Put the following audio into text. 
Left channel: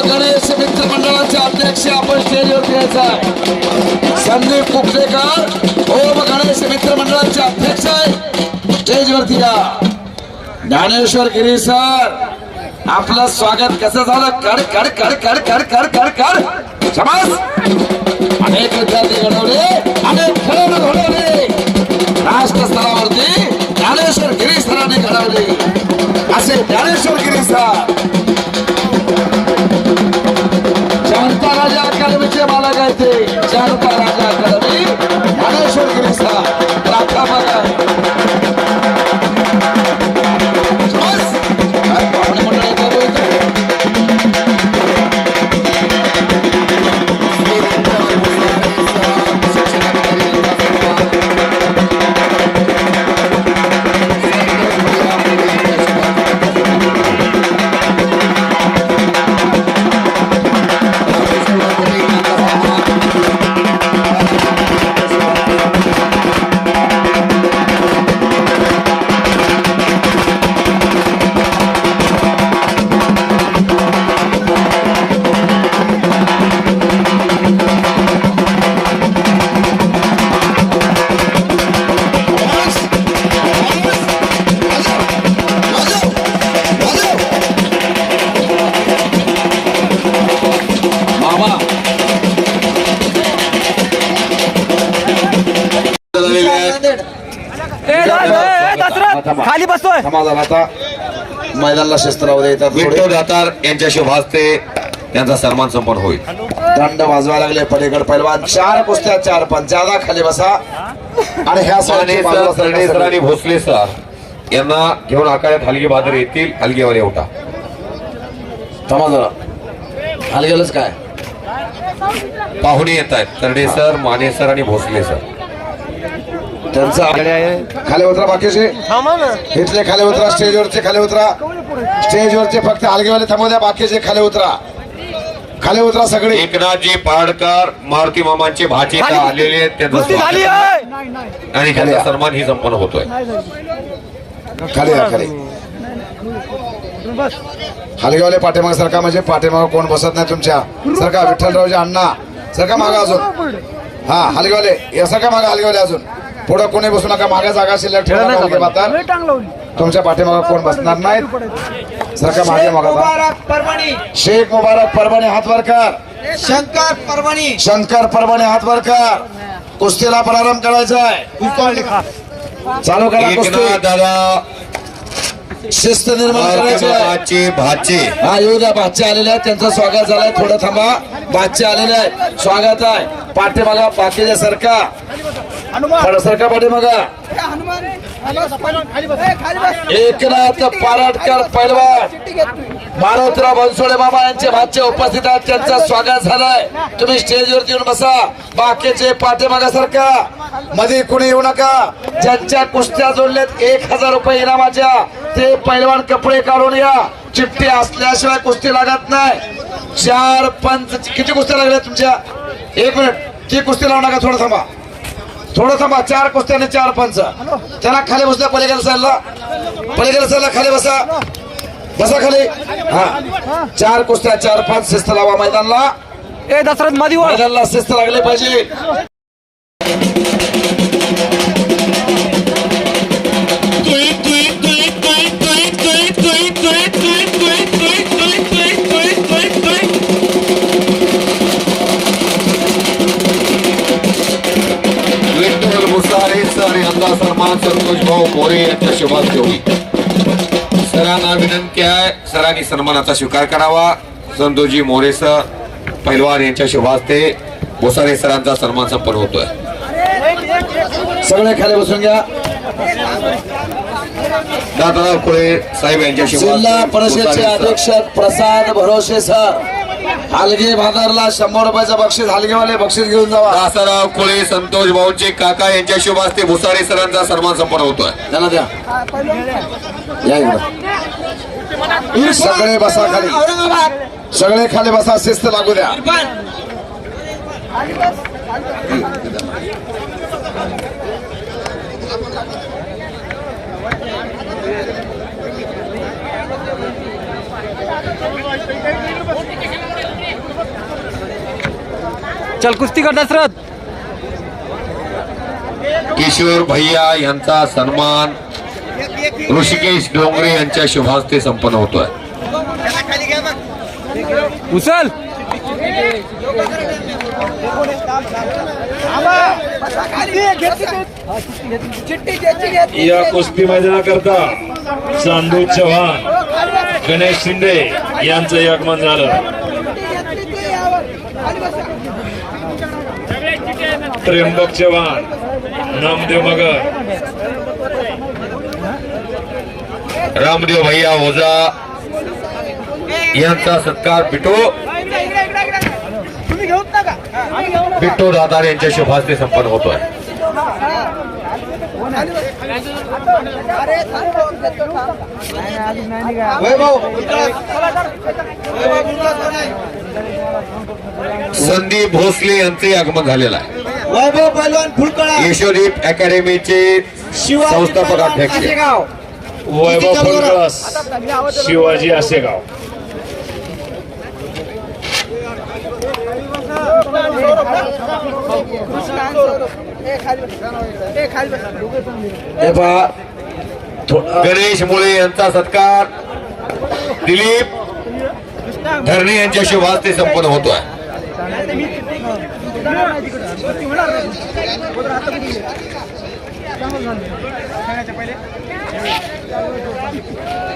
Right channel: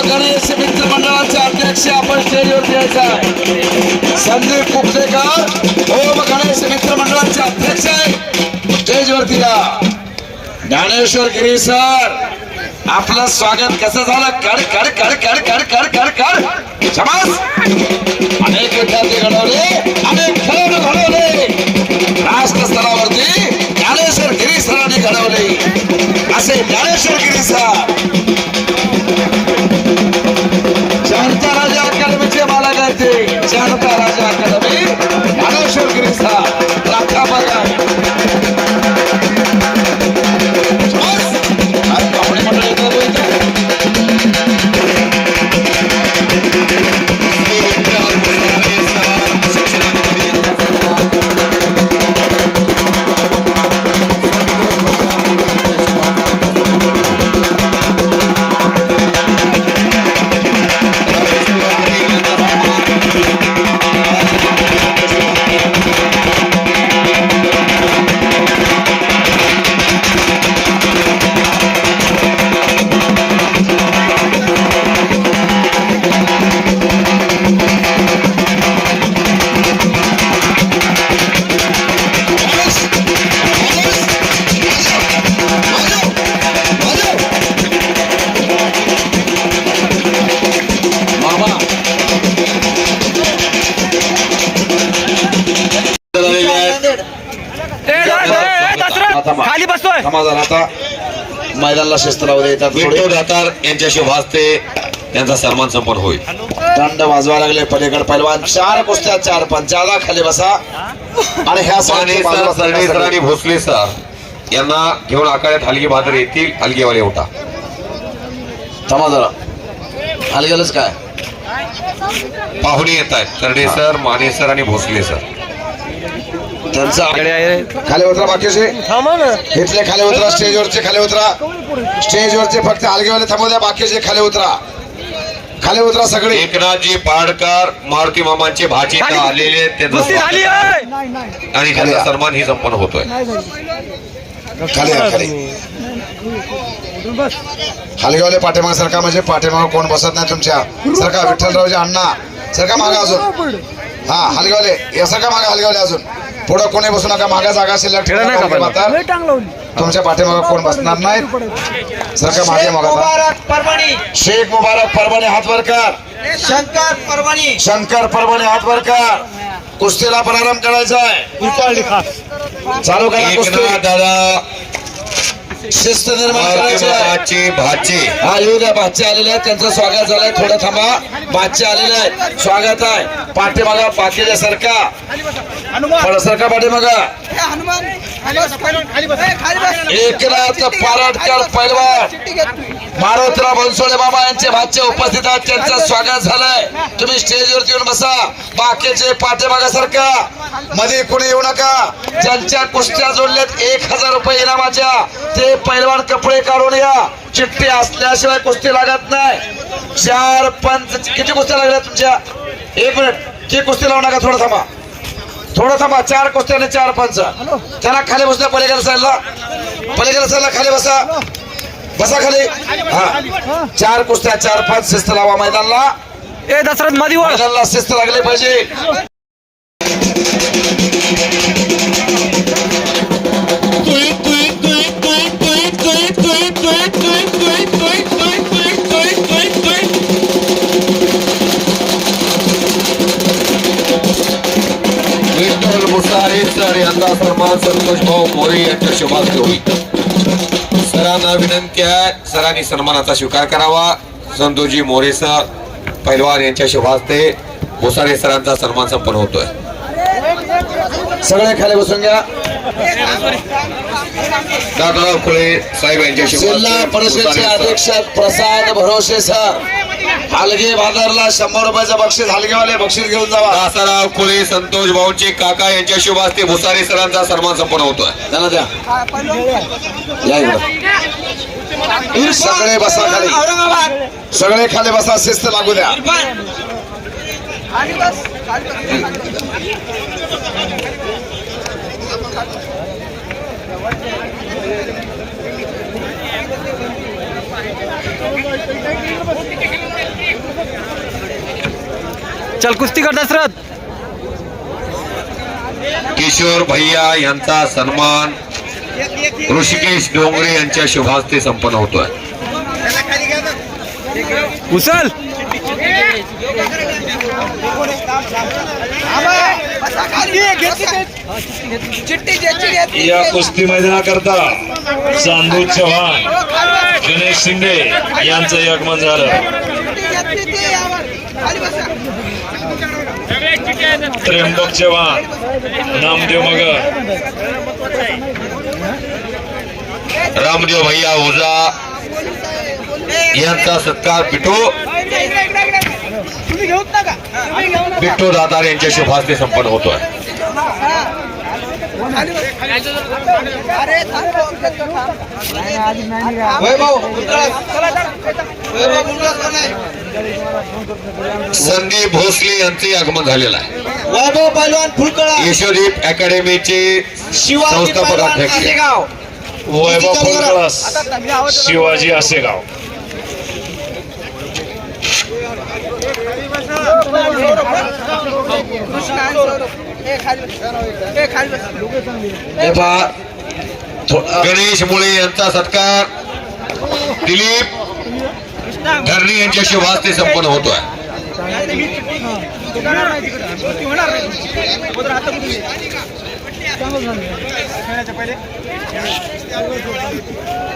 गणेश मित्र मंडळाचे अध्यक्ष आपण स्टेजवरती यायचा संदीप कुपलेकर ओम हो, गणेश मित्र मंडळाचे अध्यक्ष आहे. स्टेजवरती या. ज्ञानेश्वर गिरी सर आपलं स्वागत कसं झालं? कड कड कड कड कड कड कड कड शबास. अनेक विद्यार्थी घडवले. बसतोय. जरा आता. मैदानाला शिस्त लावू दे येतात विठ्ठल. दातार यांच्याशी भासते. त्यांचा सन्मान संपन्न होईल. दंड वाजवा लागले पलीकड पैलवान. चार कुस्त्या चार ज्यादा खाली बसा. आणि ह्या साने सर सरडे सर आणि भोसले सर यांना घेऊन आखाड्यात हलगी बहादर येतील. हलगेवाले उठा. थांबा जरा. खाली गेलंच काय? पाहुणे येत आहेत. तरडे सर माने सर आणि भोसले सर. त्यांचा खाली उतरा बाकीचे इथले खाली उतरा स्टेजवरचे खाली उतरा स्टेजवरचे फक्त हलगेवाले थांबू द्या बाकीचे खाली उतरा खाली उतरा सगळे. एकनाथजी पाडकर मारुती मामांचे भाचे आलेले झाली आणि त्यांचा सन्मान ही संपन्न होतोय. खाली खाली हलगेवाले पाठीमाग सरका म्हणजे पाठीमाग कोण बसत नाही तुमच्या? सरका विठ्ठलरावचे अण्णा. सरका मागा अजून. हा हलगेवाले या सरका मागा हलगेवाले अजून. पुढं कोणी बसू नका मागा जागा शिल्लक ठेवा नाही नका. तुमच्या पाठीमाग कोण बसणार नाहीत? सरका मागे मागा शेख मुबारक परभणी हात वर कर. शंकर परभणी. शंकर परभणी हात वर कर. कुस्तीला प्रारंभ करायचा आहे. चालू करा कुस्ती. दादा. शिस्त निर्माण करायची भाचे. हा येऊ द्या बादचे आलेले आहेत. त्यांचं स्वागत झालंय. थोडं थांबा. बादचे आलेले आहेत. स्वागत आहे. पाठीमागा बाकीच्या सरका पाठीमागा. एकनाथ पाराटकर पैलवान. मारुतराव बनसोडे मामा यांचे भाचे उपस्थित आहेत त्यांचं स्वागत झालंय. तुम्ही स्टेजवरती येऊन बसा. बाकीचे पाठीमागा सरका. मध्ये कुणी येऊ नका. ज्यांच्या कुस्त्या जोडल्यात एक हजार रुपये इनामाच्या ते पैलवान कपडे काढून या. चिठ्ठी असल्याशिवाय कुस्ती लागत नाही. चार पंच किती कुस्त्या लागल्या तुमच्या? एक मिनिट. किती कुस्ती लावू नका थोडं थांबा. थोडं थांबा चार कुस्त्या आणि चार पंच. त्यांना खाली बसल्या पलीकडे साईडला पलीकडे साईडला खाली बसा. बसा खाली. हा. चार कुस्त्या चार पाच शिस्त लावा मैदानला. ए दशरथ मधी मैदानला शिस्त लागली पाहिजे. सरांनी सन्मानाचा स्वीकार करावा. संतोषजी मोरे सर पैलवान यांच्या शुभास्ते मुसारे सरांचा सन्मान संपन्न होतोय. सगळे खाली बसून घ्या. दादा खुळे साहेब यांच्या जिल्हा परिषदचे. अधीक्षक प्रसाद भरोसे सर. हलगे भादरला शंभर रुपयाचं बक्षीस हलगेवाले बक्षीस घेऊन जावा. दासाराव खुळे संतोष भाऊंचे काका यांच्या शुभास्ते भुसारे सरांचा सन्मान संपन्न होतोय. त्यांना द्या. या इकडे. सगळे बसा खाली. सगळे खाली बसा शिस्त लागू द्या. चल कुस्ती कर दशरथ. किशोर भैया यांचा सन्मान. ऋषिकेश डोंगरे यांच्या शुभास्ते संपन्न होतोय. उचल या कुस्ती मैदानाकरता चांदू चव्हाण गणेश शिंदे यांचं आगमन झालं. त्र्यंबक चव्हाण नामदेव मगर. रामदेव भैया ओझा यांचा सत्कार बिटो बिट्टो दातार यांच्या शुभास्ते संपन्न होतोय. संदीप भोसले यांचे आगमन झालेलं आहे. वैभव पैलवान फुलकळा. यशोदीप अकॅडमीचे संस्थापक अध्यक्ष. वैभव शिवाजी हे पहा थो- गणेश मुळे यांचा सत्कार दिलीप धरणी यांच्या शुभास्ते संपन्न होतोय पहिले